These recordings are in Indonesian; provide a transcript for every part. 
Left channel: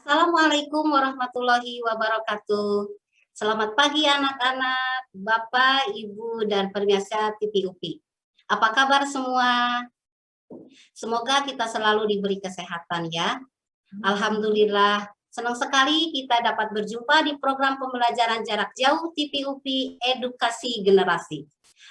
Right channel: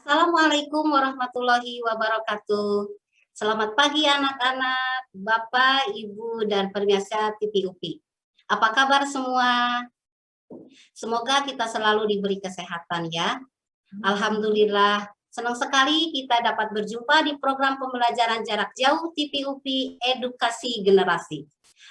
Assalamualaikum warahmatullahi wabarakatuh. Selamat pagi anak-anak, Bapak, Ibu, dan pemirsa TV UPI. Apa kabar semua? Semoga kita selalu diberi kesehatan ya. Alhamdulillah, senang sekali kita dapat berjumpa di program pembelajaran jarak jauh TV UPI Edukasi Generasi.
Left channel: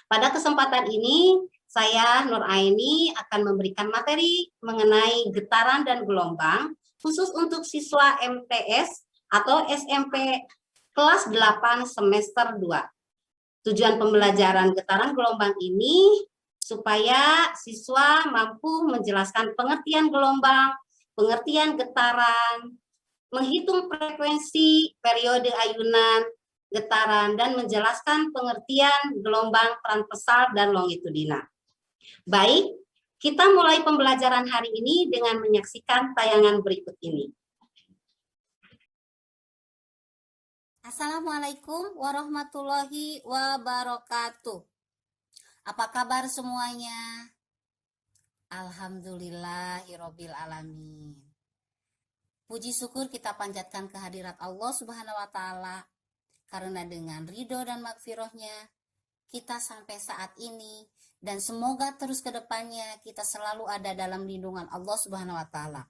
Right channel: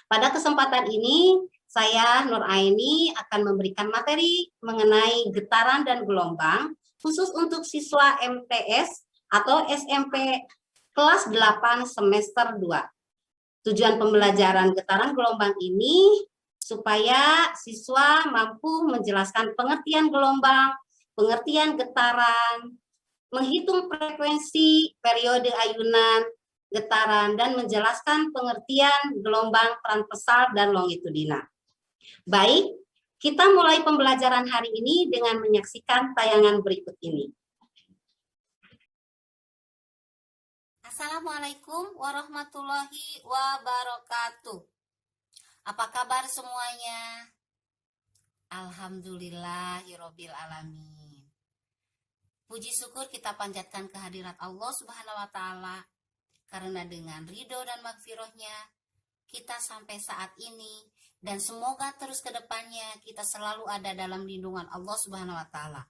Pada kesempatan ini, saya Nur Aini akan memberikan materi mengenai getaran dan gelombang khusus untuk siswa MTS atau SMP kelas 8 semester 2. Tujuan pembelajaran getaran gelombang ini supaya siswa mampu menjelaskan pengertian gelombang, pengertian getaran, menghitung frekuensi, periode ayunan, getaran, dan menjelaskan pengertian gelombang transversal dan longitudinal. Baik, kita mulai pembelajaran hari ini dengan menyaksikan tayangan berikut ini. Assalamualaikum warahmatullahi wabarakatuh. Apa kabar semuanya? Alhamdulillahirabbil alamin. Puji syukur kita panjatkan kehadirat Allah Subhanahu wa taala karena dengan ridho dan magfirahnya kita sampai saat ini, dan semoga terus ke depannya kita selalu ada dalam lindungan Allah Subhanahu wa taala.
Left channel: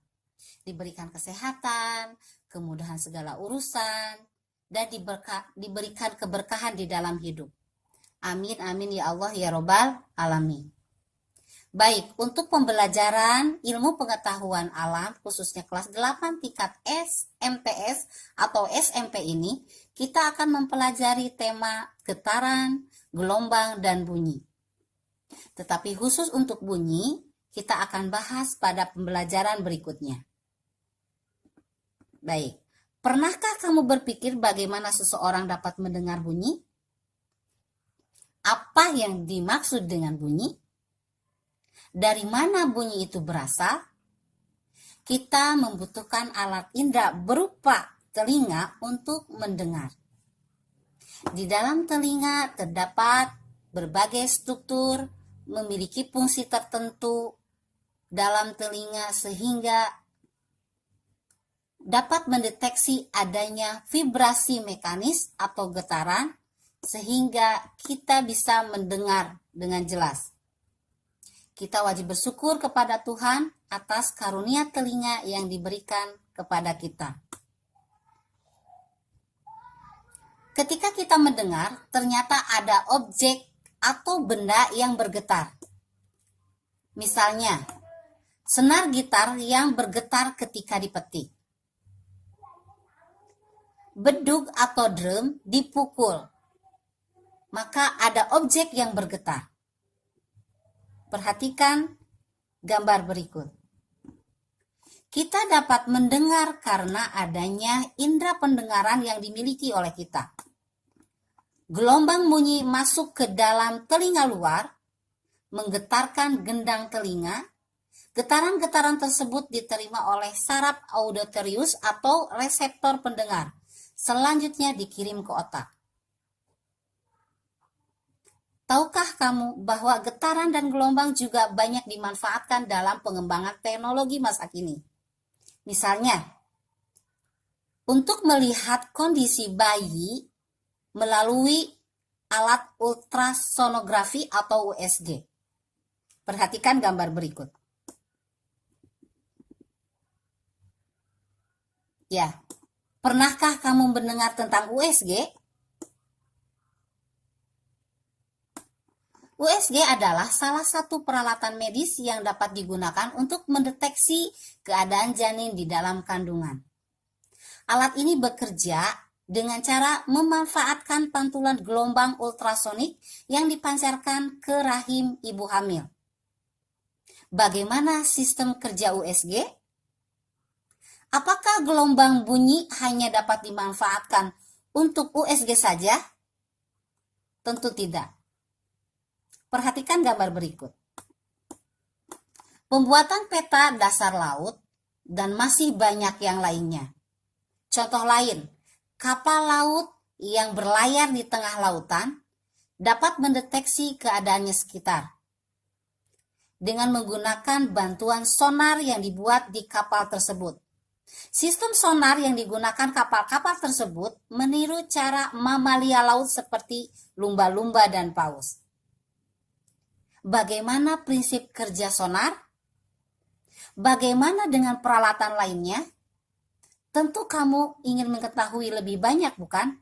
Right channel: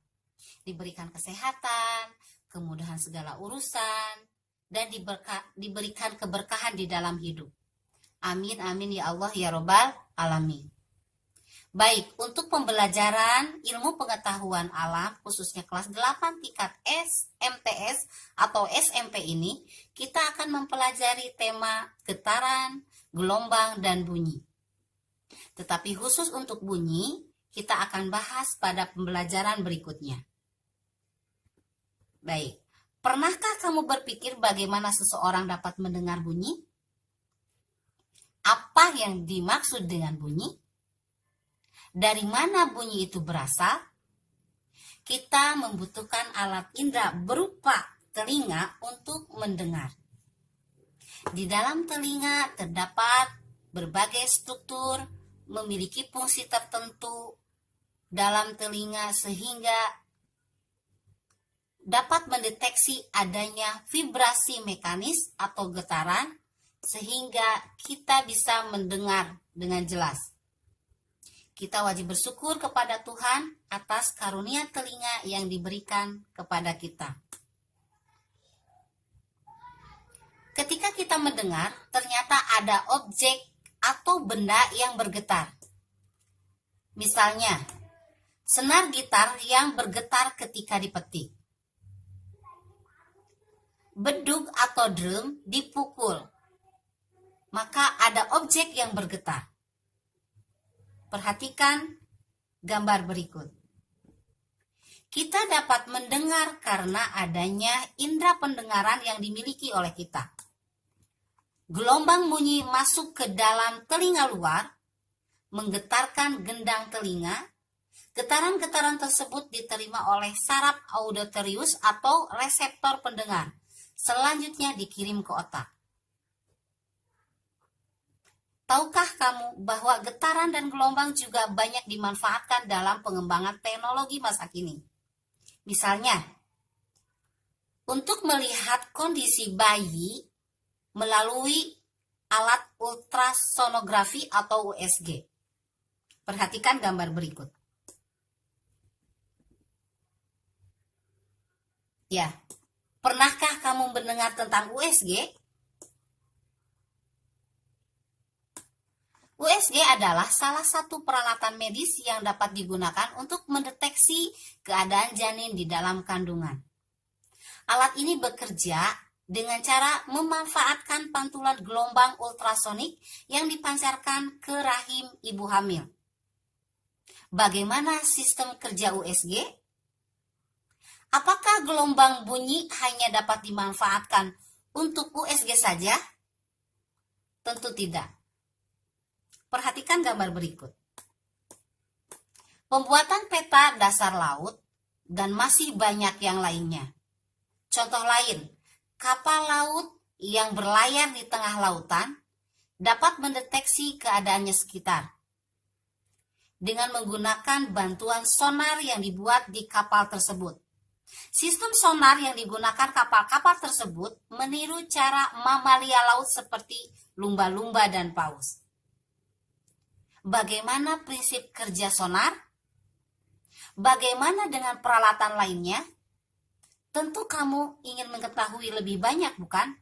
Diberikan kesehatan, kemudahan segala urusan, dan diberikan keberkahan di dalam hidup. Amin amin ya Allah ya robbal alamin. Baik, untuk pembelajaran ilmu pengetahuan alam khususnya kelas 8 tingkat MTS atau SMP ini, kita akan mempelajari tema getaran, gelombang, dan bunyi. Tetapi khusus untuk bunyi, kita akan bahas pada pembelajaran berikutnya. Baik, pernahkah kamu berpikir bagaimana seseorang dapat mendengar bunyi? Apa yang dimaksud dengan bunyi? Dari mana bunyi itu berasal? Kita membutuhkan alat indera berupa telinga untuk mendengar. Di dalam telinga terdapat berbagai struktur memiliki fungsi tertentu dalam telinga sehingga dapat mendeteksi adanya vibrasi mekanis atau getaran sehingga kita bisa mendengar dengan jelas. Kita wajib bersyukur kepada Tuhan atas karunia telinga yang diberikan kepada kita. Ketika kita mendengar, ternyata ada objek atau benda yang bergetar. Misalnya, senar gitar yang bergetar ketika dipetik. Bedug atau drum dipukul, maka ada objek yang bergetar. Perhatikan gambar berikut. Kita dapat mendengar karena adanya indera pendengaran yang dimiliki oleh kita. Gelombang bunyi masuk ke dalam telinga luar, menggetarkan gendang telinga. Getaran-getaran tersebut diterima oleh saraf auditorius atau reseptor pendengar. Selanjutnya dikirim ke otak. Tahukah kamu bahwa getaran dan gelombang juga banyak dimanfaatkan dalam pengembangan teknologi masa kini? Misalnya, untuk melihat kondisi bayi melalui alat ultrasonografi atau USG. Perhatikan gambar berikut. Ya, pernahkah kamu mendengar tentang USG? USG adalah salah satu peralatan medis yang dapat digunakan untuk mendeteksi keadaan janin di dalam kandungan. Alat ini bekerja dengan cara memanfaatkan pantulan gelombang ultrasonik yang dipancarkan ke rahim ibu hamil. Bagaimana sistem kerja USG? Apakah gelombang bunyi hanya dapat dimanfaatkan untuk USG saja? Tentu tidak. Perhatikan gambar berikut. Pembuatan peta dasar laut dan masih banyak yang lainnya. Contoh lain, kapal laut yang berlayar di tengah lautan dapat mendeteksi keadaannya sekitar dengan menggunakan bantuan sonar yang dibuat di kapal tersebut. Sistem sonar yang digunakan kapal-kapal tersebut meniru cara mamalia laut seperti lumba-lumba dan paus. Bagaimana prinsip kerja sonar? Bagaimana dengan peralatan lainnya? Tentu kamu ingin mengetahui lebih banyak, bukan?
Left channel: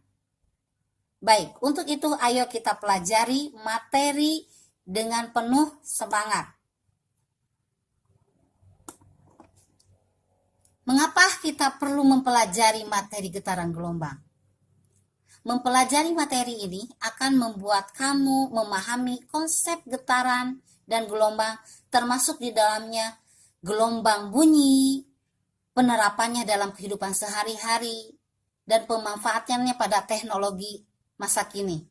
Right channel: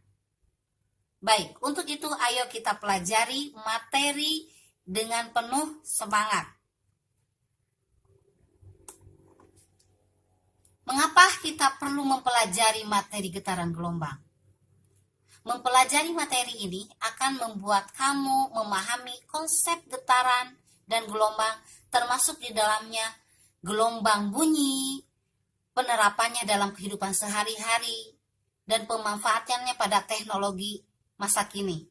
Baik, untuk itu ayo kita pelajari materi dengan penuh semangat. Mengapa kita perlu mempelajari materi getaran gelombang? Mempelajari materi ini akan membuat kamu memahami konsep getaran dan gelombang, termasuk di dalamnya gelombang bunyi, penerapannya dalam kehidupan sehari-hari, dan pemanfaatannya pada teknologi masa kini.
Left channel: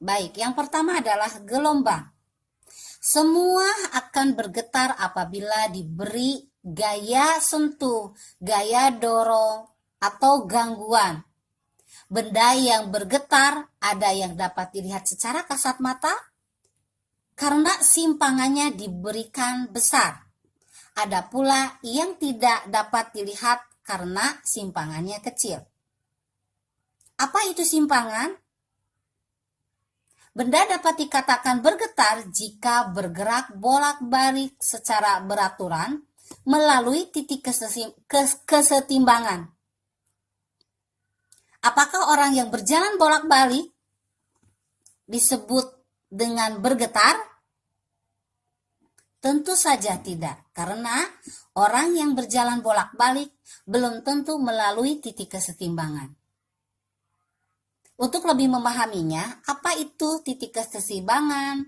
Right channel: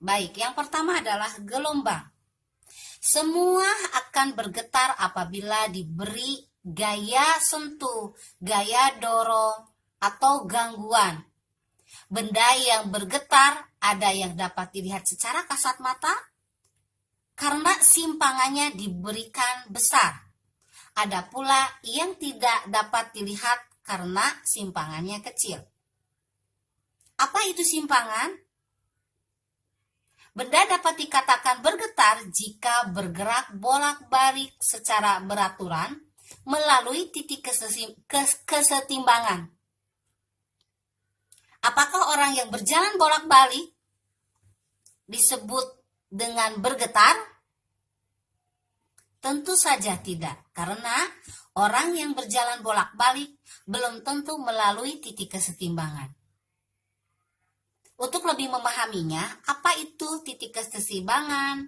Baik, yang pertama adalah gelombang. Semua akan bergetar apabila diberi gaya sentuh, gaya dorong, atau gangguan. Benda yang bergetar ada yang dapat dilihat secara kasat mata karena simpangannya diberikan besar. Ada pula yang tidak dapat dilihat karena simpangannya kecil. Apa itu simpangan? Benda dapat dikatakan bergetar jika bergerak bolak-balik secara beraturan melalui titik kesetimbangan. Apakah orang yang berjalan bolak-balik disebut dengan bergetar? Tentu saja tidak, karena orang yang berjalan bolak-balik belum tentu melalui titik kesetimbangan. Untuk lebih memahaminya, apa itu titik kesetimbangan,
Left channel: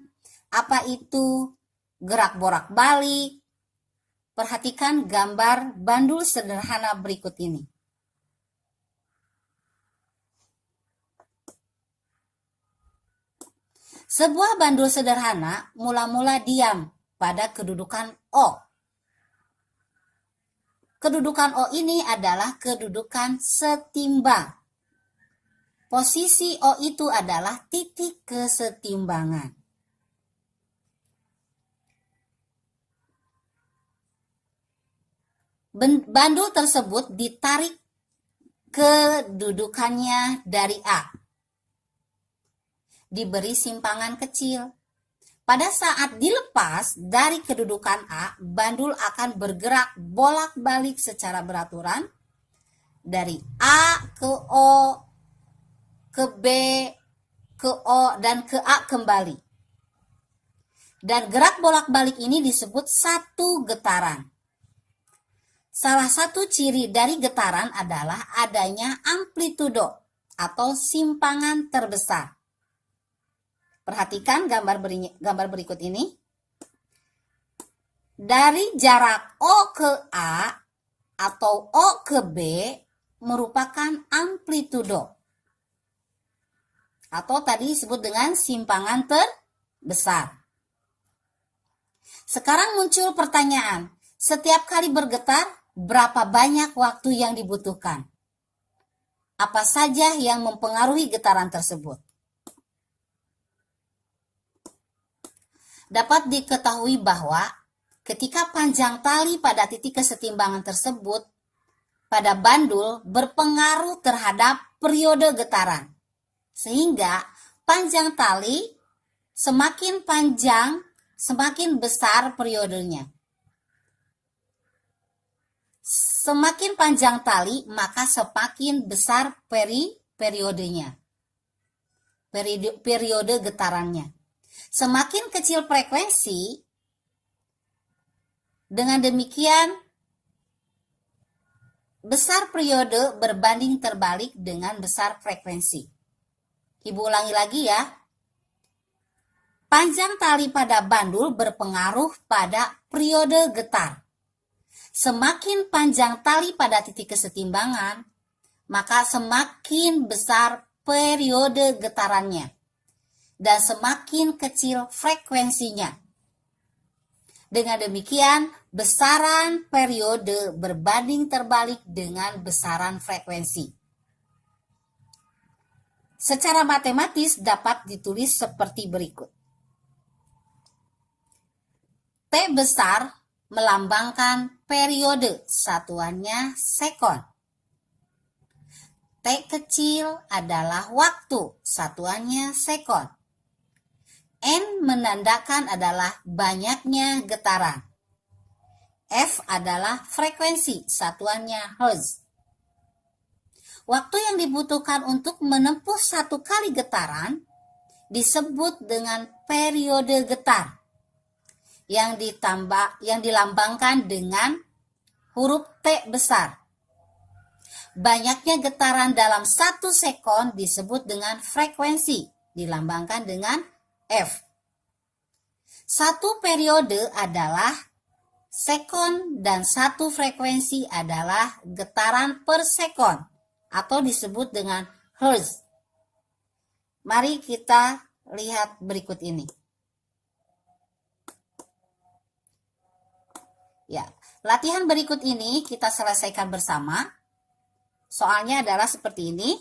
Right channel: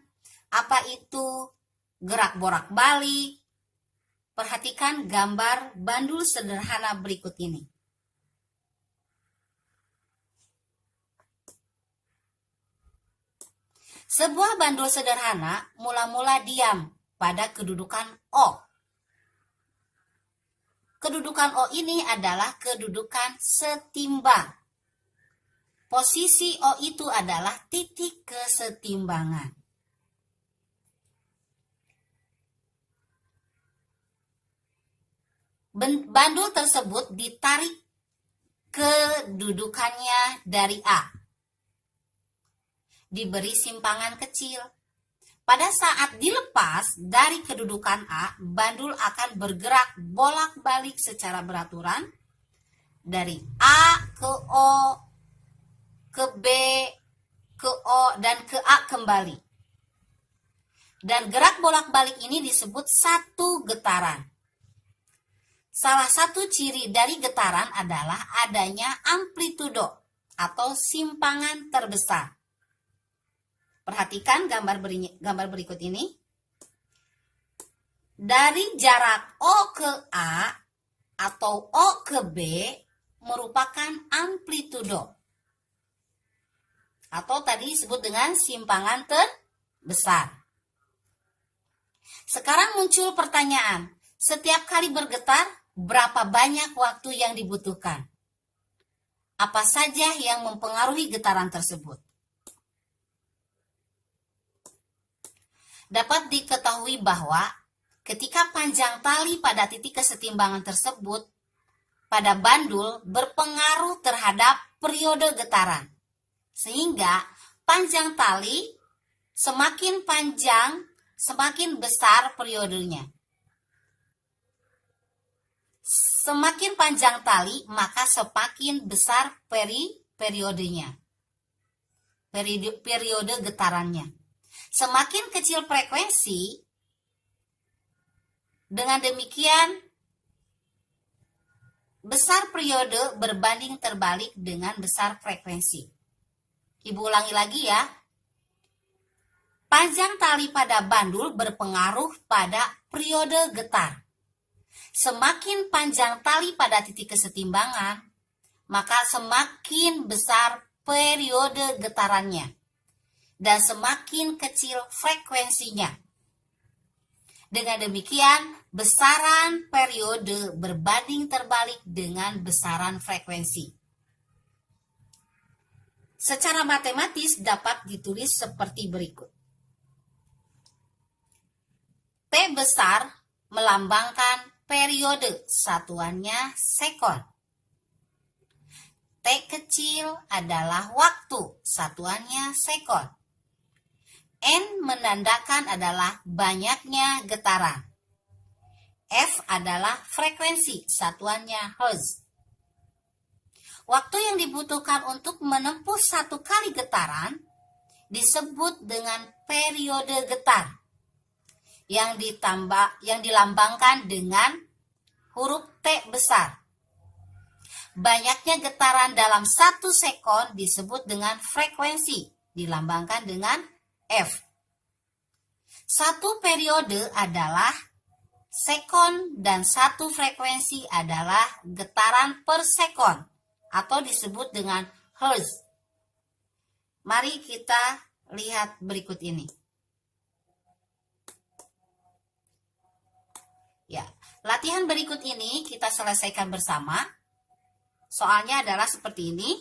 apa itu gerak bolak-balik, perhatikan gambar bandul sederhana berikut ini. Sebuah bandul sederhana mula-mula diam pada kedudukan O. Kedudukan O ini adalah kedudukan setimbang. Posisi O itu adalah titik kesetimbangan. Bandul tersebut ditarik kedudukannya dari A. Diberi simpangan kecil. Pada saat dilepas dari kedudukan A, bandul akan bergerak bolak-balik secara beraturan dari A ke O, ke B, ke O, dan ke A kembali. Dan gerak bolak-balik ini disebut satu getaran. Salah satu ciri dari getaran adalah adanya amplitudo atau simpangan terbesar. Perhatikan gambar berikut ini. Dari jarak O ke A atau O ke B merupakan amplitudo. Atau tadi disebut dengan simpangan terbesar. Sekarang muncul pertanyaan, setiap kali bergetar, berapa banyak waktu yang dibutuhkan? Apa saja yang mempengaruhi getaran tersebut? Dapat diketahui bahwa ketika panjang tali pada titik kesetimbangan tersebut pada bandul berpengaruh terhadap periode getaran. Sehingga panjang tali semakin panjang, semakin besar periodenya. Semakin panjang tali, maka semakin besar periodenya. Periode getarannya. Semakin kecil frekuensi, dengan demikian besar periode berbanding terbalik dengan besar frekuensi. Ibu ulangi lagi ya. Panjang tali pada bandul berpengaruh pada periode getar. Semakin panjang tali pada titik kesetimbangan, maka semakin besar periode getarannya. Dan semakin kecil frekuensinya. Dengan demikian, besaran periode berbanding terbalik dengan besaran frekuensi. Secara matematis dapat ditulis seperti berikut. T besar melambangkan periode, satuannya sekon. T kecil adalah waktu, satuannya sekon. N menandakan adalah banyaknya getaran. F adalah frekuensi, satuannya hertz. Waktu yang dibutuhkan untuk menempuh satu kali getaran disebut dengan periode getar yang dilambangkan dengan huruf T besar. Banyaknya getaran dalam 1 sekon disebut dengan frekuensi, dilambangkan dengan F. Satu periode adalah sekon dan satu frekuensi adalah getaran per sekon atau disebut dengan hertz. Mari kita lihat berikut ini. Ya, latihan berikut ini kita selesaikan bersama. Soalnya adalah seperti ini.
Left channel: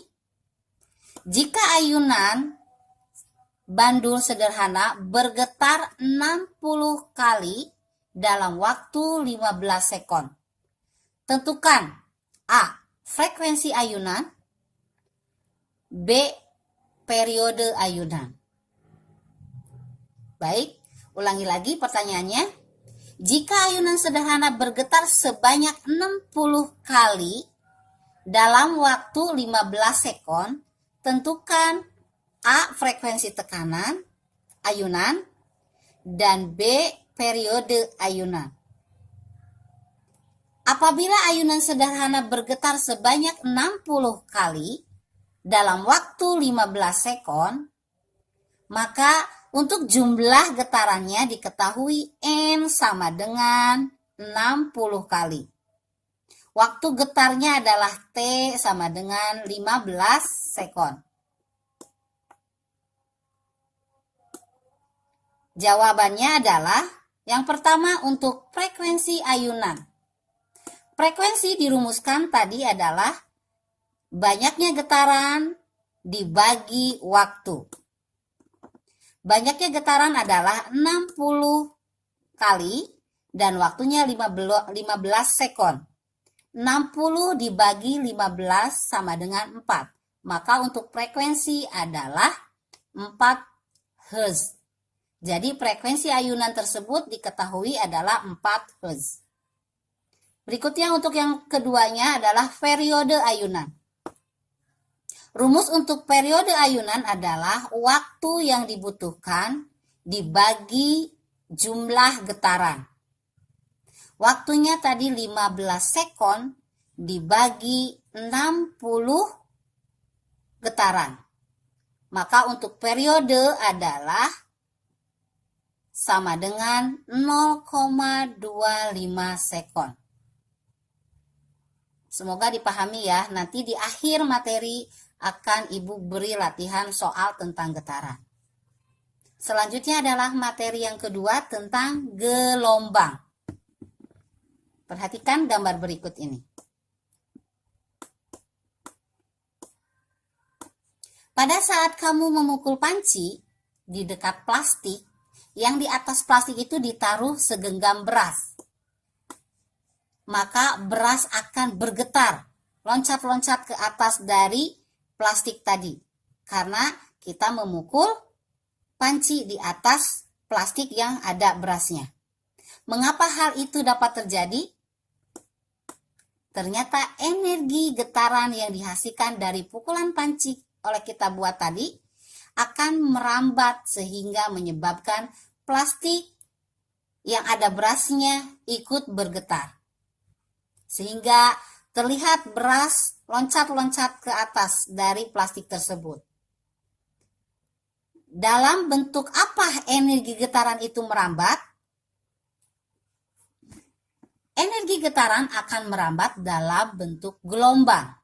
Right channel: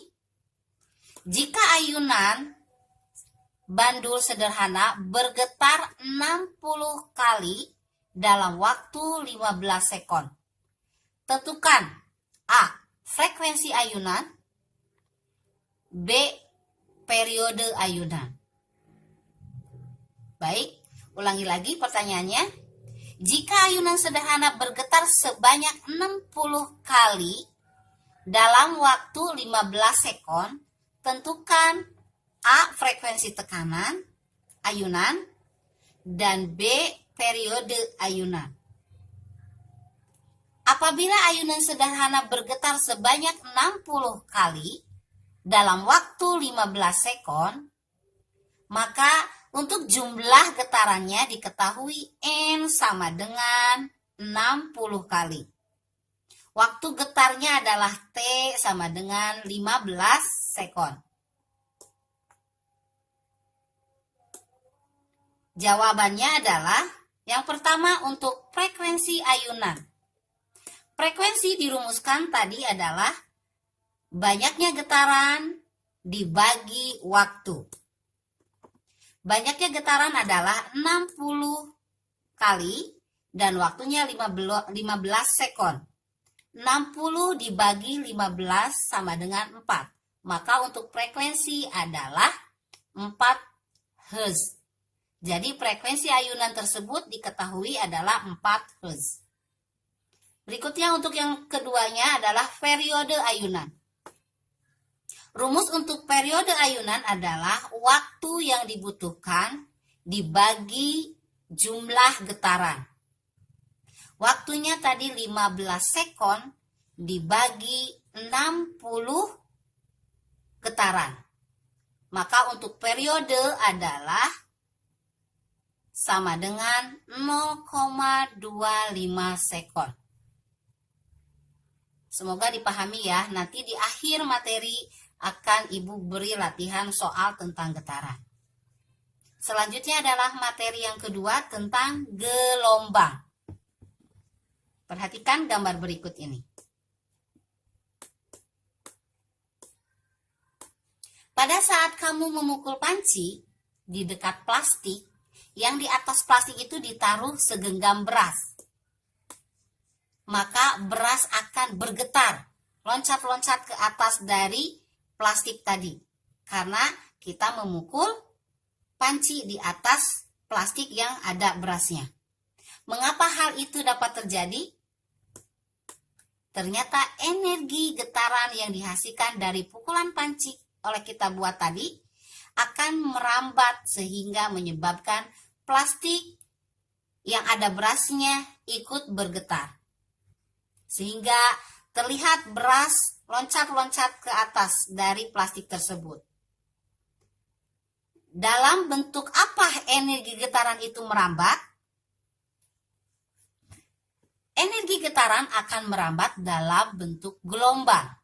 Jika ayunan bandul sederhana bergetar 60 kali dalam waktu 15 sekon. Tentukan A. Frekuensi ayunan, B. Periode ayunan. Baik, ulangi lagi pertanyaannya. Jika ayunan sederhana bergetar sebanyak 60 kali dalam waktu 15 sekon, tentukan A. Frekuensi tekanan ayunan dan B. Periode ayunan. Apabila ayunan sederhana bergetar sebanyak 60 kali dalam waktu 15 sekon, maka untuk jumlah getarannya diketahui N sama dengan 60 kali. Waktu getarnya adalah T sama dengan 15 sekon. Jawabannya adalah yang pertama untuk frekuensi ayunan. Frekuensi dirumuskan tadi adalah banyaknya getaran dibagi waktu. Banyaknya getaran adalah 60 kali dan waktunya 15 sekon. 60 dibagi 15 sama dengan 4. Maka untuk frekuensi adalah 4 Hz. Jadi frekuensi ayunan tersebut diketahui adalah 4 Hz. Berikutnya untuk yang keduanya adalah periode ayunan. Rumus untuk periode ayunan adalah waktu yang dibutuhkan dibagi jumlah getaran. Waktunya tadi 15 sekon dibagi 60 getaran. Maka untuk periode adalah sama dengan 0,25 sekon. Semoga dipahami ya. Nanti di akhir materi akan Ibu beri latihan soal tentang getaran. Selanjutnya adalah materi yang kedua tentang gelombang. Perhatikan gambar berikut ini. Pada saat kamu memukul panci di dekat plastik, yang di atas plastik itu ditaruh segenggam beras. Maka beras akan bergetar, loncat-loncat ke atas dari plastik tadi. Karena kita memukul panci di atas plastik yang ada berasnya. Mengapa hal itu dapat terjadi? Ternyata energi getaran yang dihasilkan dari pukulan panci oleh kita buat tadi akan merambat sehingga menyebabkan plastik yang ada berasnya ikut bergetar. Sehingga terlihat beras loncat-loncat ke atas dari plastik tersebut. Dalam bentuk apa energi getaran itu merambat? Energi getaran akan merambat dalam bentuk gelombang.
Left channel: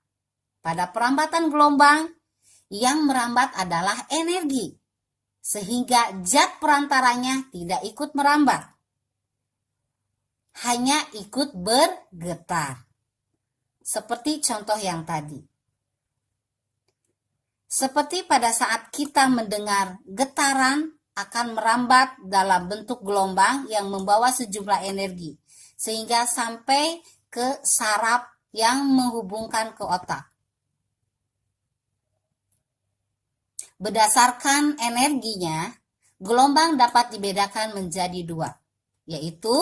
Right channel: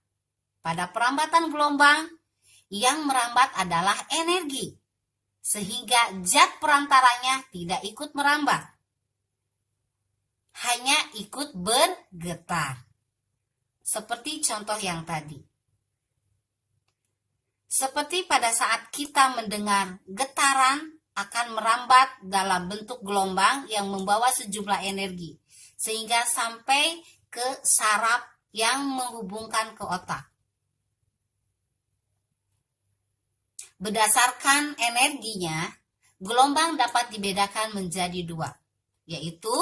Pada perambatan gelombang, yang merambat adalah energi, sehingga zat perantaranya tidak ikut merambat, hanya ikut bergetar. Seperti contoh yang tadi. Seperti pada saat kita mendengar getaran akan merambat dalam bentuk gelombang yang membawa sejumlah energi. sehingga sampai ke saraf yang menghubungkan ke otak. Berdasarkan energinya, gelombang dapat dibedakan menjadi dua, yaitu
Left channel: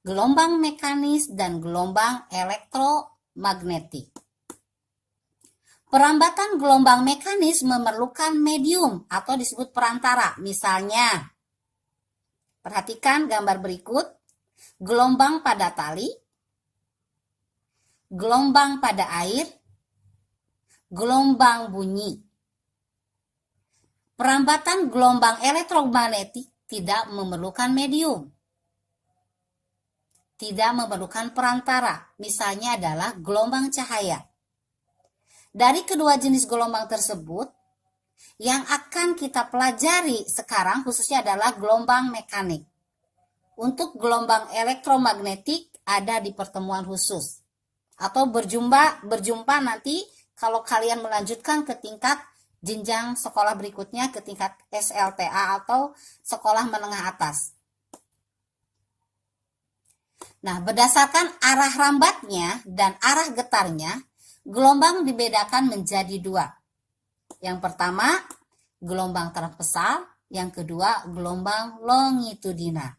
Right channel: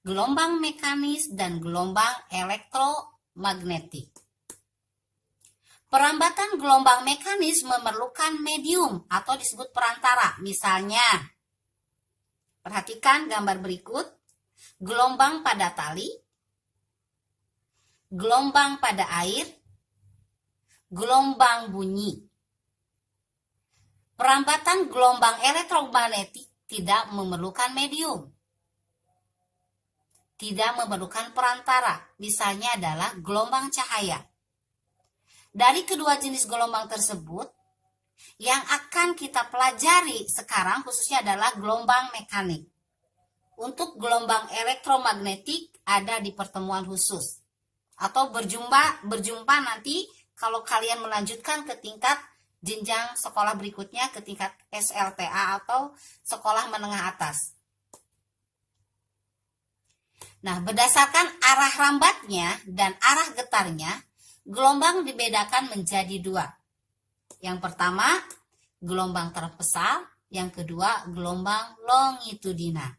gelombang mekanis dan gelombang elektromagnetik. Perambatan gelombang mekanis memerlukan medium atau disebut perantara. Misalnya, perhatikan gambar berikut, gelombang pada tali, gelombang pada air, gelombang bunyi. Perambatan gelombang elektromagnetik tidak memerlukan medium, tidak memerlukan perantara. Misalnya adalah gelombang cahaya. Dari kedua jenis gelombang tersebut, yang akan kita pelajari sekarang khususnya adalah gelombang mekanik. Untuk gelombang elektromagnetik ada di pertemuan khusus atau berjumpa nanti kalau kalian melanjutkan ke tingkat jenjang sekolah berikutnya, ke tingkat SLTA atau sekolah menengah atas. Nah, berdasarkan arah rambatnya dan arah getarnya, gelombang dibedakan menjadi dua. Yang pertama, gelombang transversal, yang kedua, gelombang longitudinal.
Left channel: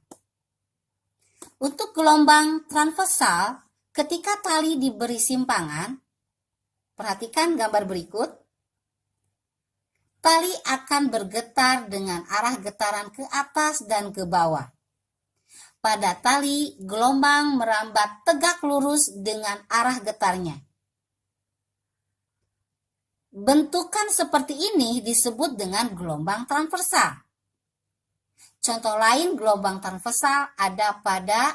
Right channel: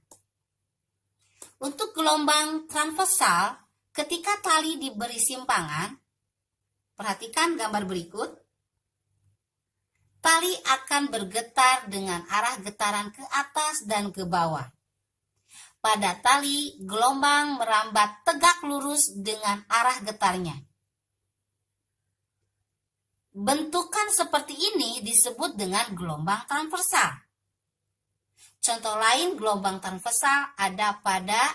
Untuk gelombang transversal, ketika tali diberi simpangan, perhatikan gambar berikut, tali akan bergetar dengan arah getaran ke atas dan ke bawah. Pada tali, gelombang merambat tegak lurus dengan arah getarnya. Bentukan seperti ini disebut dengan gelombang transversal. Contoh lain gelombang transversal ada pada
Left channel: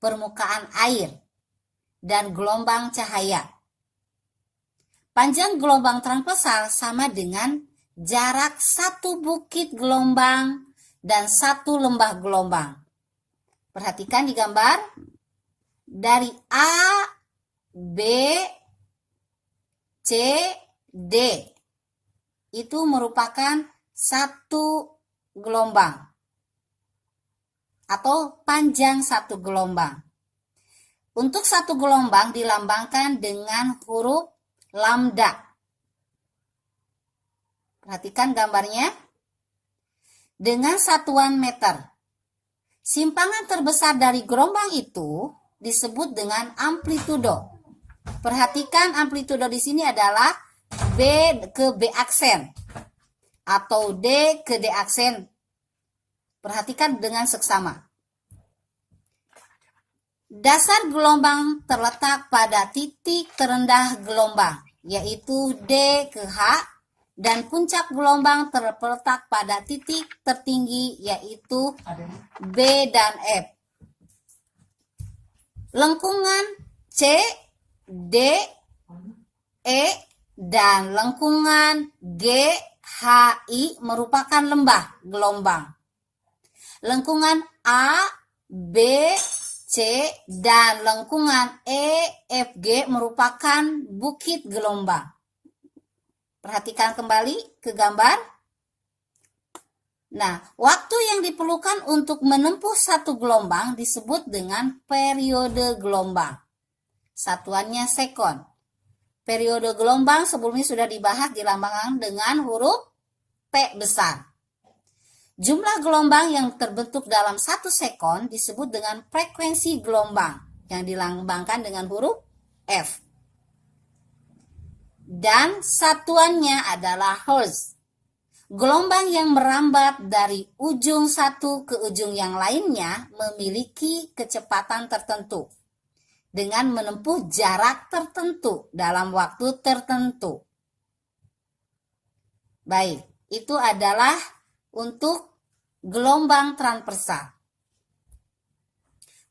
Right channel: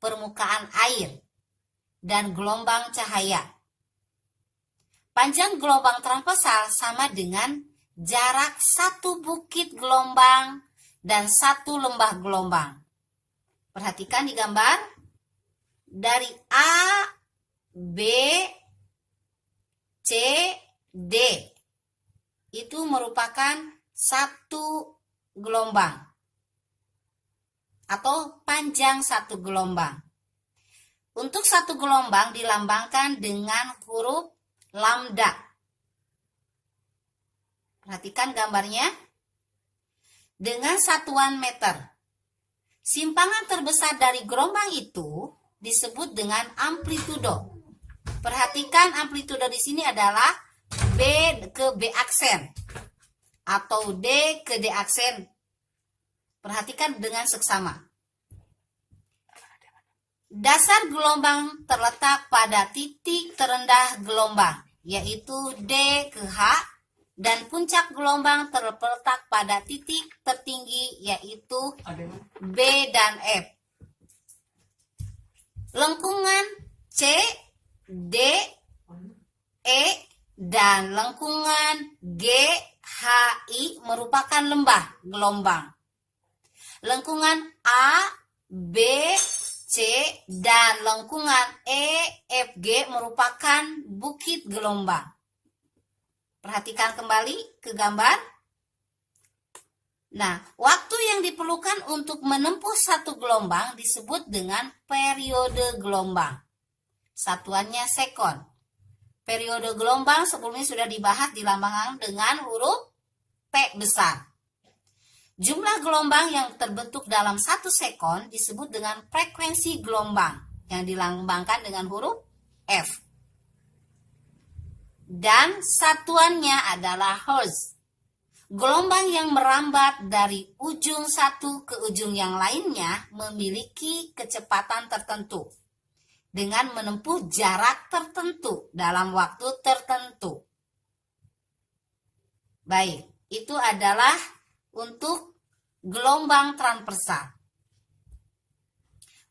permukaan air dan gelombang cahaya. Panjang gelombang transversal sama dengan jarak satu bukit gelombang dan satu lembah gelombang. Perhatikan di gambar, dari A, B, C, D itu merupakan satu gelombang atau panjang satu gelombang. Untuk satu gelombang dilambangkan dengan huruf lambda. Perhatikan gambarnya. Dengan satuan meter. Simpangan terbesar dari gelombang itu disebut dengan amplitudo. Perhatikan amplitudo di sini adalah B ke B aksen atau D ke D aksen. Perhatikan dengan seksama. Dasar gelombang terletak pada titik terendah gelombang, yaitu D ke H, dan puncak gelombang terletak pada titik tertinggi, yaitu B dan F. Lengkungan C, D, E, dan lengkungan G, H, I merupakan lembah gelombang. Lengkungan A, B, C, dan lengkungan E, F, G merupakan bukit gelombang. Perhatikan kembali ke gambar. Nah, waktu yang diperlukan untuk menempuh satu gelombang disebut dengan periode gelombang. Satuannya sekon. Periode gelombang sebelumnya sudah dibahas, dilambangkan dengan huruf P besar. Jumlah gelombang yang terbentuk dalam 1 sekon disebut dengan frekuensi gelombang yang dilambangkan dengan huruf F. Dan satuannya adalah hertz. Gelombang yang merambat dari ujung satu ke ujung yang lainnya memiliki kecepatan tertentu dengan menempuh jarak tertentu dalam waktu tertentu. Baik, itu adalah untuk gelombang transversal.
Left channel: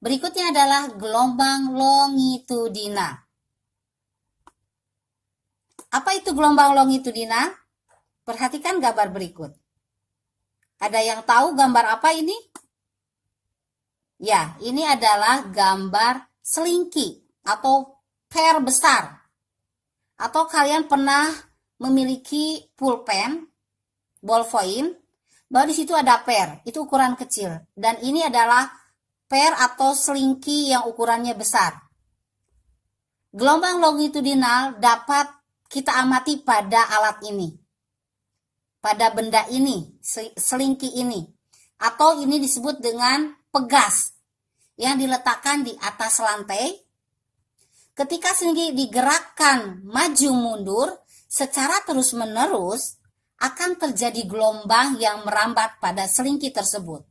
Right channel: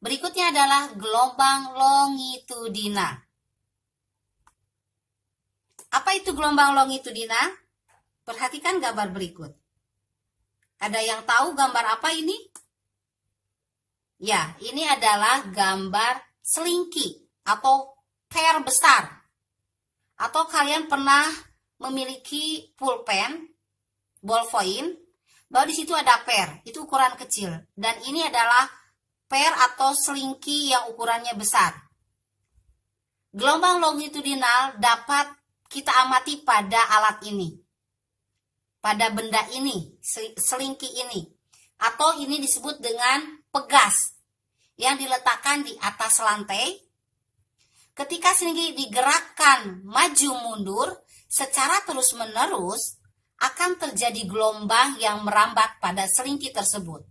Berikutnya adalah gelombang longitudinal. Apa itu gelombang longitudinal? Perhatikan gambar berikut. Ada yang tahu gambar apa ini? Ya, ini adalah gambar selingki atau per besar. Atau kalian pernah memiliki pulpen, ballpoint, bahwa di situ ada per, itu ukuran kecil. Dan ini adalah atau selingki yang ukurannya besar. Gelombang longitudinal dapat kita amati pada alat ini, pada benda ini, selingki ini, atau ini disebut dengan pegas yang diletakkan di atas lantai. Ketika selingki digerakkan maju mundur secara terus-menerus, akan terjadi gelombang yang merambat pada selingki tersebut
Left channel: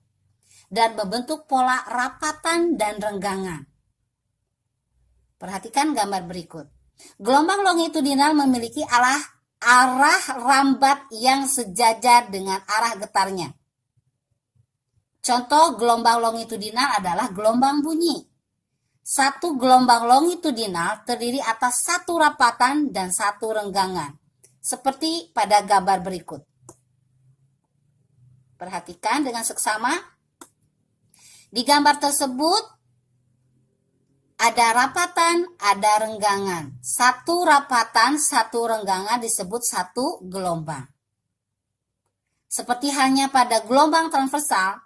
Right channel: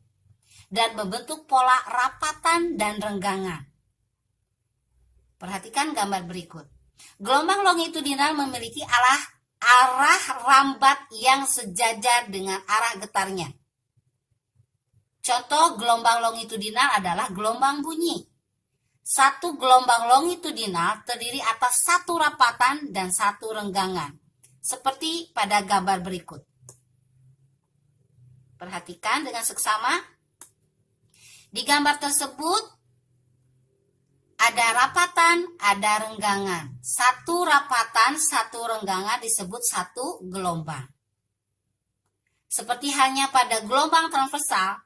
dan membentuk pola rapatan dan renggangan. Perhatikan gambar berikut. Gelombang longitudinal memiliki arah rambat yang sejajar dengan arah getarnya. Contoh gelombang longitudinal adalah gelombang bunyi. Satu gelombang longitudinal terdiri atas satu rapatan dan satu renggangan, seperti pada gambar berikut. Perhatikan dengan seksama. Di gambar tersebut ada rapatan, ada renggangan. Satu rapatan, satu renggangan disebut satu gelombang. Seperti halnya pada gelombang transversal,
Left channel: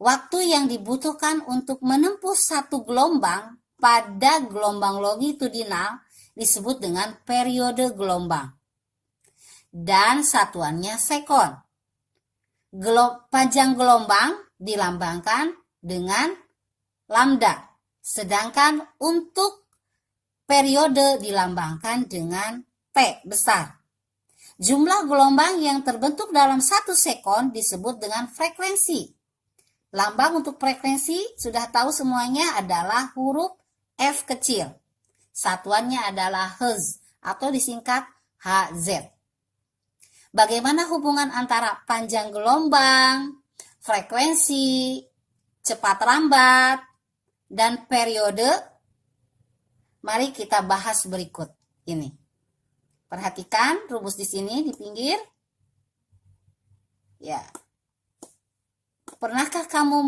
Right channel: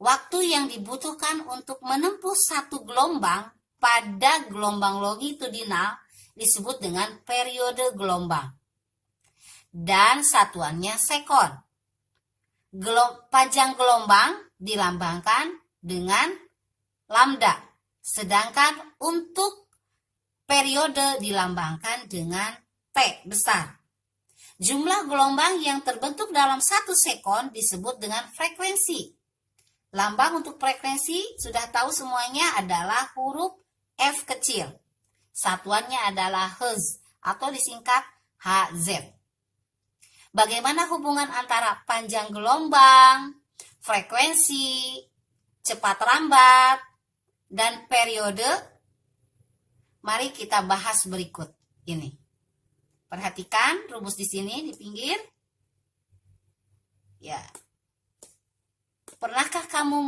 waktu yang dibutuhkan untuk menempuh satu gelombang pada gelombang longitudinal disebut dengan periode gelombang. Dan satuannya sekon. Panjang gelombang dilambangkan dengan lambda. Sedangkan untuk periode dilambangkan dengan T besar. Jumlah gelombang yang terbentuk dalam 1 sekon disebut dengan frekuensi. Lambang untuk frekuensi sudah tahu semuanya adalah huruf F kecil. Satuannya adalah Hz atau disingkat Hz. Bagaimana hubungan antara panjang gelombang, frekuensi, cepat rambat, dan periode? Mari kita bahas berikut ini. Perhatikan rumus di sini di pinggir. Ya. Pernahkah kamu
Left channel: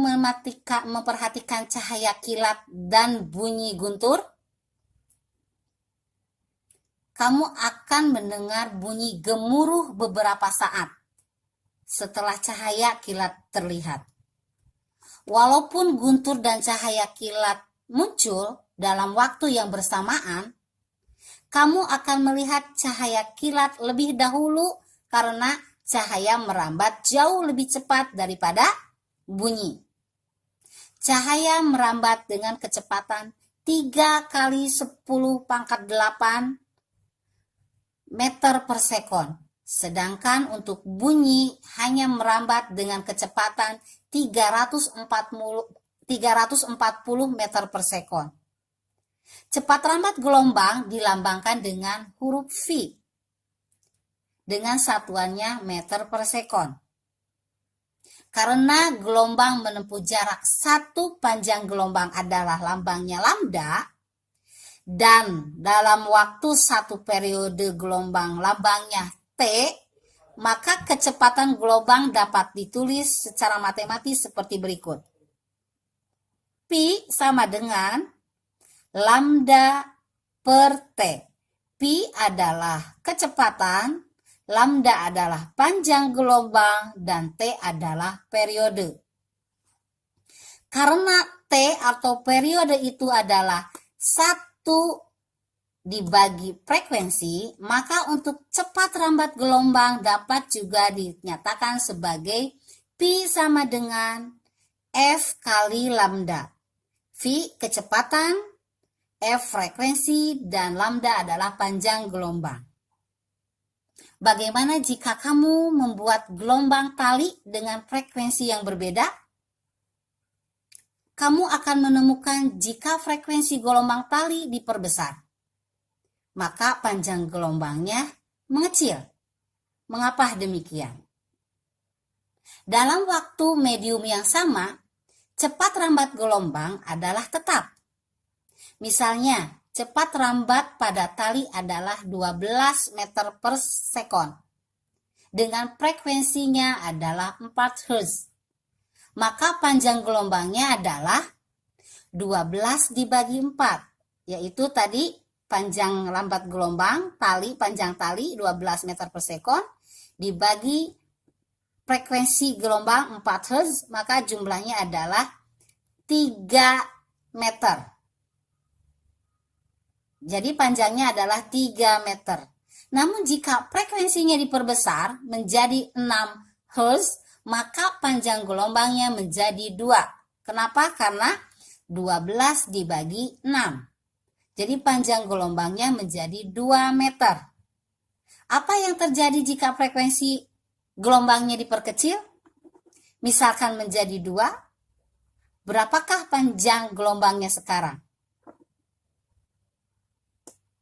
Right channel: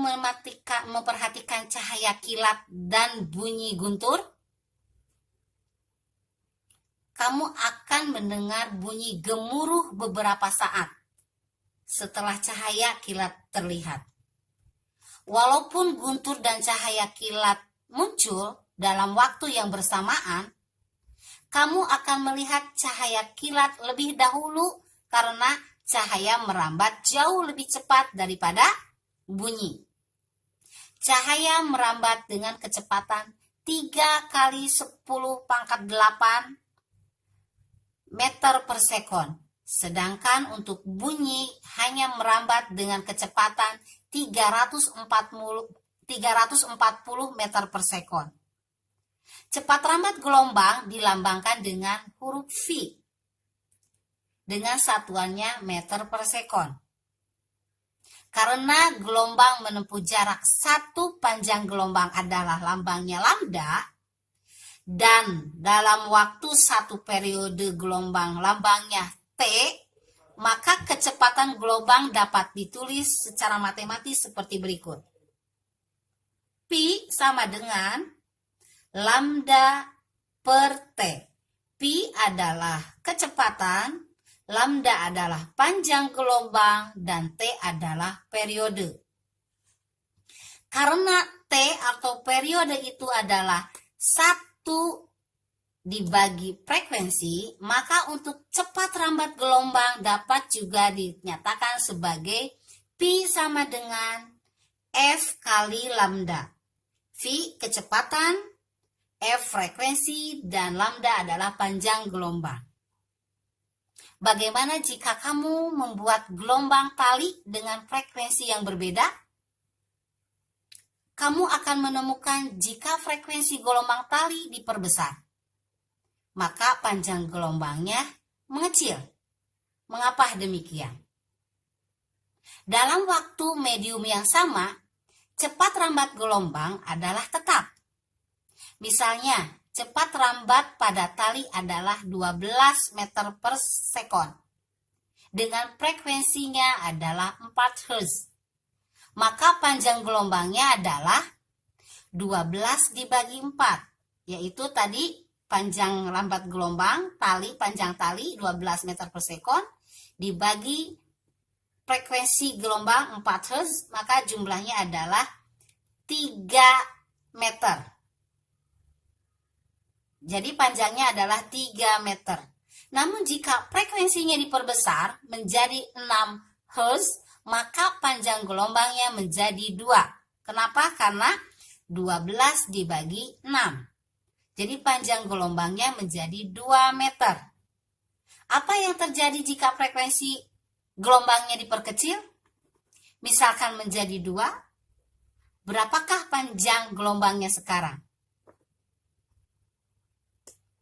memperhatikan cahaya kilat dan bunyi guntur? Kamu akan mendengar bunyi gemuruh beberapa saat setelah cahaya kilat terlihat. Walaupun guntur dan cahaya kilat muncul dalam waktu yang bersamaan, kamu akan melihat cahaya kilat lebih dahulu karena cahaya merambat jauh lebih cepat daripada bunyi. Cahaya merambat dengan kecepatan 3 kali 10 pangkat 8 meter per sekon. Sedangkan untuk bunyi hanya merambat dengan kecepatan 340 meter per sekon. Cepat rambat gelombang dilambangkan dengan huruf V dengan satuannya meter per sekon. Karena gelombang menempuh jarak satu, panjang gelombang adalah lambangnya lambda, dan dalam waktu satu periode gelombang lambangnya T, maka kecepatan gelombang dapat ditulis secara matematis seperti berikut. Pi sama dengan lambda per T. Pi adalah kecepatan, lambda adalah panjang gelombang, dan T adalah periode. Karena T atau periode itu adalah 1 dibagi frekuensi, maka untuk cepat rambat gelombang dapat juga dinyatakan sebagai Pi sama dengan F kali lambda. V kecepatan, F frekuensi, dan lambda adalah panjang gelombang. Bagaimana jika kamu membuat gelombang tali dengan frekuensi yang berbeda? Kamu akan menemukan jika frekuensi gelombang tali diperbesar, maka panjang gelombangnya mengecil. Mengapa demikian? Dalam waktu medium yang sama, cepat rambat gelombang adalah tetap. Misalnya, cepat rambat pada tali adalah 12 meter per sekon. Dengan frekuensinya adalah 4 Hz. Maka panjang gelombangnya adalah 12 dibagi 4. Yaitu tadi panjang rambat gelombang, panjang tali 12 meter per sekon, dibagi frekuensi gelombang 4 Hz, maka jumlahnya adalah 3 meter. Jadi panjangnya adalah 3 meter. Namun jika frekuensinya diperbesar menjadi 6 Hz, maka panjang gelombangnya menjadi 2. Kenapa? Karena 12 dibagi 6. Jadi panjang gelombangnya menjadi 2 meter. Apa yang terjadi jika frekuensi gelombangnya diperkecil? Misalkan menjadi 2. Berapakah panjang gelombangnya sekarang?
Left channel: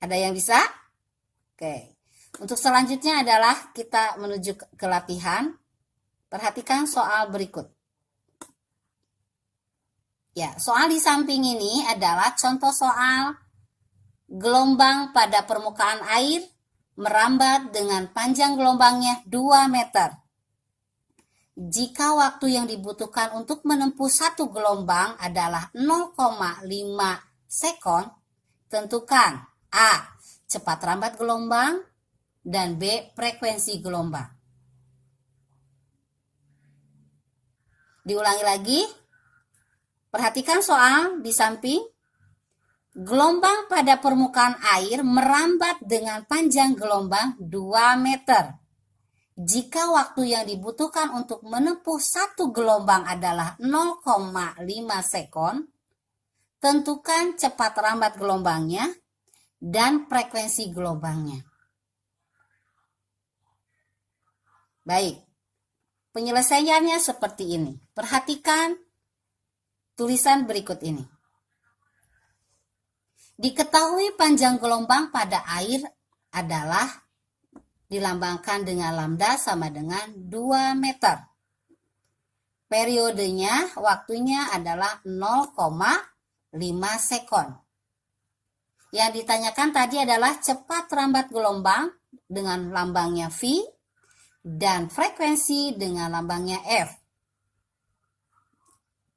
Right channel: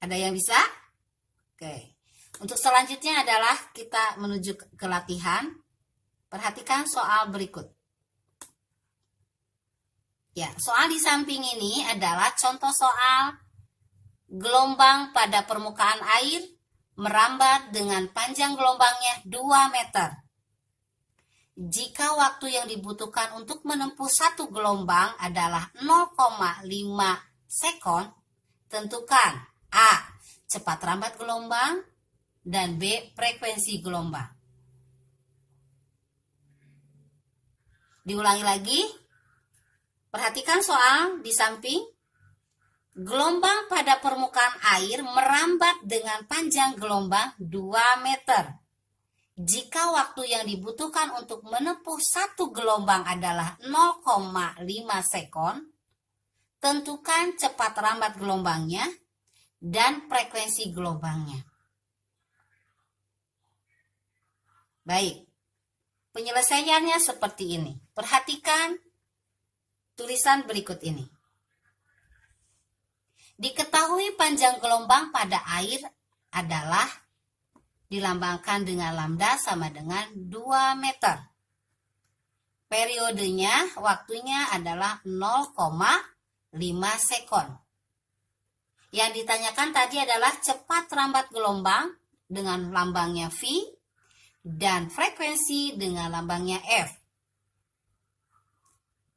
Ada yang bisa? Oke. Untuk selanjutnya adalah kita menuju ke latihan. Perhatikan soal berikut. Ya, soal di samping ini adalah contoh soal gelombang pada permukaan air merambat dengan panjang gelombangnya 2 meter. Jika waktu yang dibutuhkan untuk menempuh satu gelombang adalah 0,5 sekon, tentukan A. Cepat rambat gelombang dan B. Frekuensi gelombang. Diulangi lagi. Perhatikan soal di samping. Gelombang pada permukaan air merambat dengan panjang gelombang 2 meter. Jika waktu yang dibutuhkan untuk menempuh satu gelombang adalah 0,5 sekon, tentukan cepat rambat gelombangnya dan frekuensi gelombangnya. Baik, penyelesaiannya seperti ini. Perhatikan tulisan berikut ini. Diketahui panjang gelombang pada air adalah dilambangkan dengan lambda sama dengan 2 meter. Periodenya, waktunya adalah 0,5 sekon. Yang ditanyakan tadi adalah cepat rambat gelombang dengan lambangnya V dan frekuensi dengan lambangnya F.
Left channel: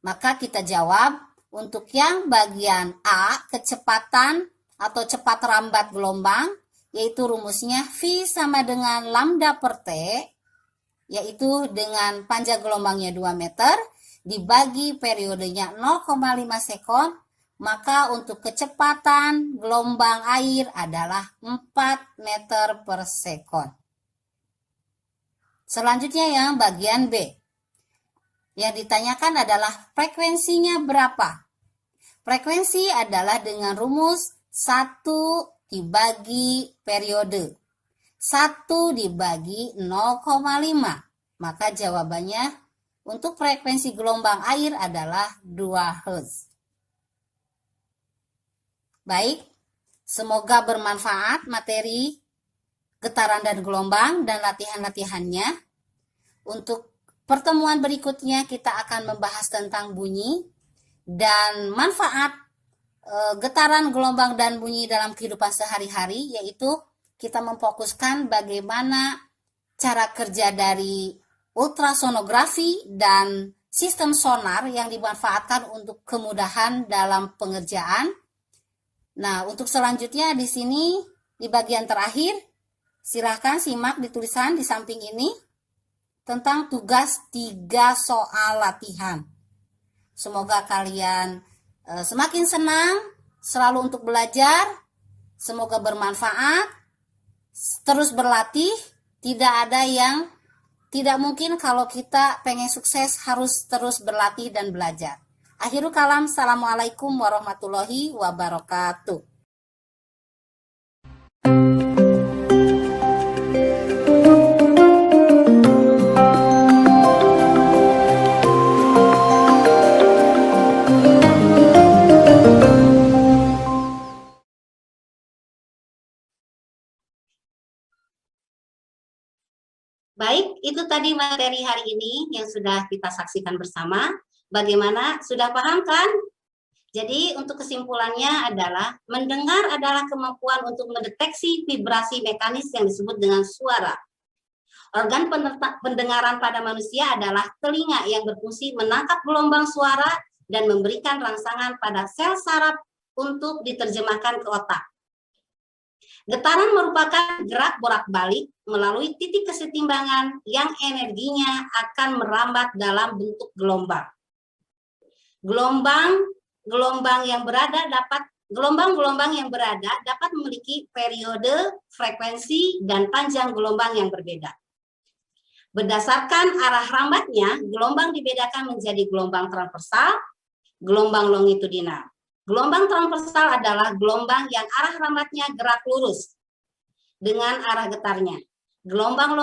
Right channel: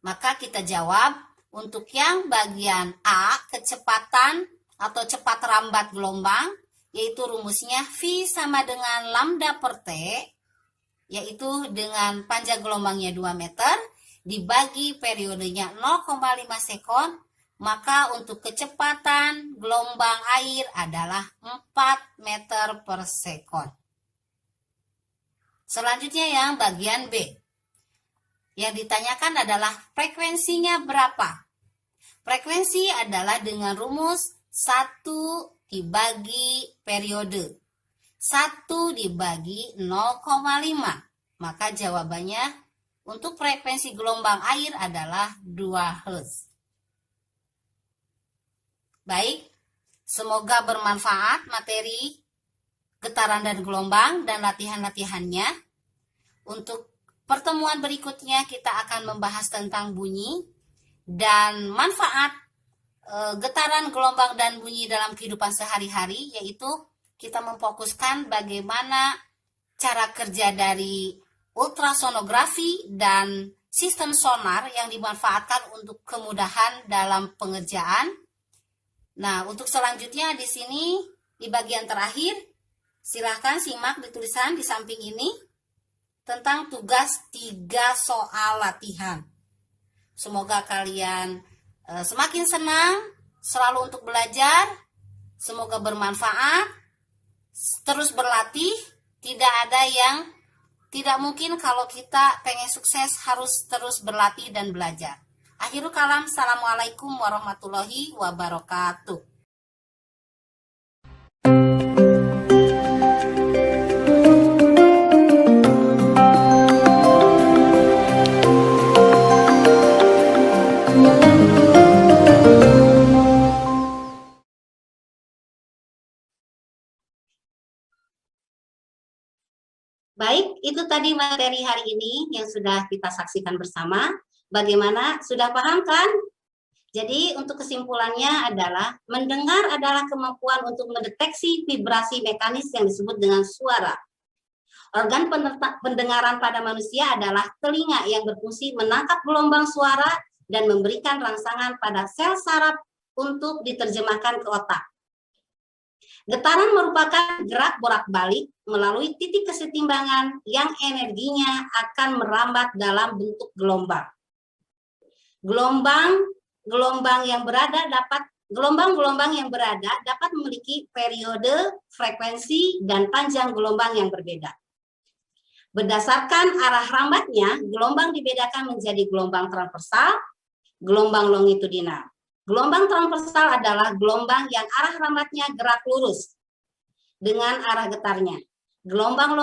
Maka kita jawab untuk yang bagian A, kecepatan atau cepat rambat gelombang, yaitu rumusnya V sama dengan lambda per T, yaitu dengan panjang gelombangnya 2 meter, dibagi periodenya 0,5 sekon, maka untuk kecepatan gelombang air adalah 4 meter per sekon. Selanjutnya yang bagian B. Yang ditanyakan adalah frekuensinya berapa? Frekuensi adalah dengan rumus 1 dibagi periode. 1 dibagi 0,5. Maka jawabannya untuk frekuensi gelombang air adalah 2 Hz. Baik, semoga bermanfaat materi getaran dan gelombang dan latihan-latihannya. Untuk pertemuan berikutnya kita akan membahas tentang bunyi dan manfaat getaran, gelombang, dan bunyi dalam kehidupan sehari-hari, yaitu kita memfokuskan bagaimana cara kerja dari ultrasonografi dan sistem sonar yang dimanfaatkan untuk kemudahan dalam pengerjaan. Nah, untuk selanjutnya di sini di bagian terakhir, silahkan simak di tulisan di samping ini tentang tugas 3 soal latihan. Semoga kalian semakin senang selalu untuk belajar. Semoga bermanfaat. Terus berlatih. Tidak ada yang tidak mungkin kalau kita pengen sukses harus terus berlatih dan belajar. Akhirul kalam, assalamualaikum warahmatullahi wabarakatuh. Baik, itu tadi materi hari ini yang sudah kita saksikan bersama. Bagaimana? Sudah paham kan? Jadi untuk kesimpulannya adalah mendengar adalah kemampuan untuk mendeteksi vibrasi mekanis yang disebut dengan suara. Organ pendengaran pada manusia adalah telinga yang berfungsi menangkap gelombang suara dan memberikan rangsangan pada sel saraf untuk diterjemahkan ke otak. Getaran merupakan gerak bolak-balik melalui titik kesetimbangan yang energinya akan merambat dalam bentuk gelombang. Gelombang-gelombang yang berada dapat memiliki periode, frekuensi, dan panjang gelombang yang berbeda. Berdasarkan arah rambatnya, gelombang dibedakan menjadi gelombang transversal, gelombang longitudinal. Gelombang transversal adalah gelombang yang arah rambatnya gerak lurus dengan arah getarnya. Gelombang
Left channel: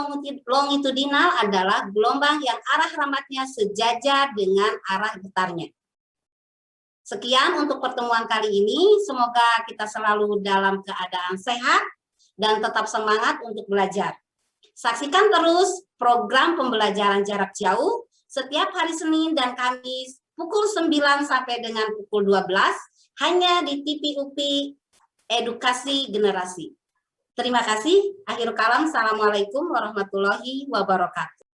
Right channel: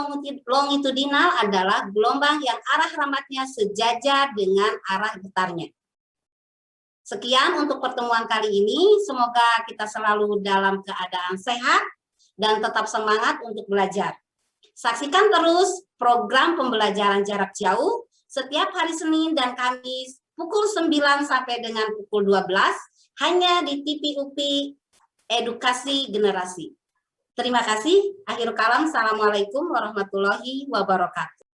longitudinal adalah gelombang yang arah rambatnya sejajar dengan arah getarnya. Sekian untuk pertemuan kali ini. Semoga kita selalu dalam keadaan sehat dan tetap semangat untuk belajar. Saksikan terus program pembelajaran jarak jauh setiap hari Senin dan Kamis pukul 9 sampai dengan pukul 12 hanya di TV UPI Edukasi Generasi. Terima kasih. Akhirul kalam. Assalamualaikum warahmatullahi wabarakatuh.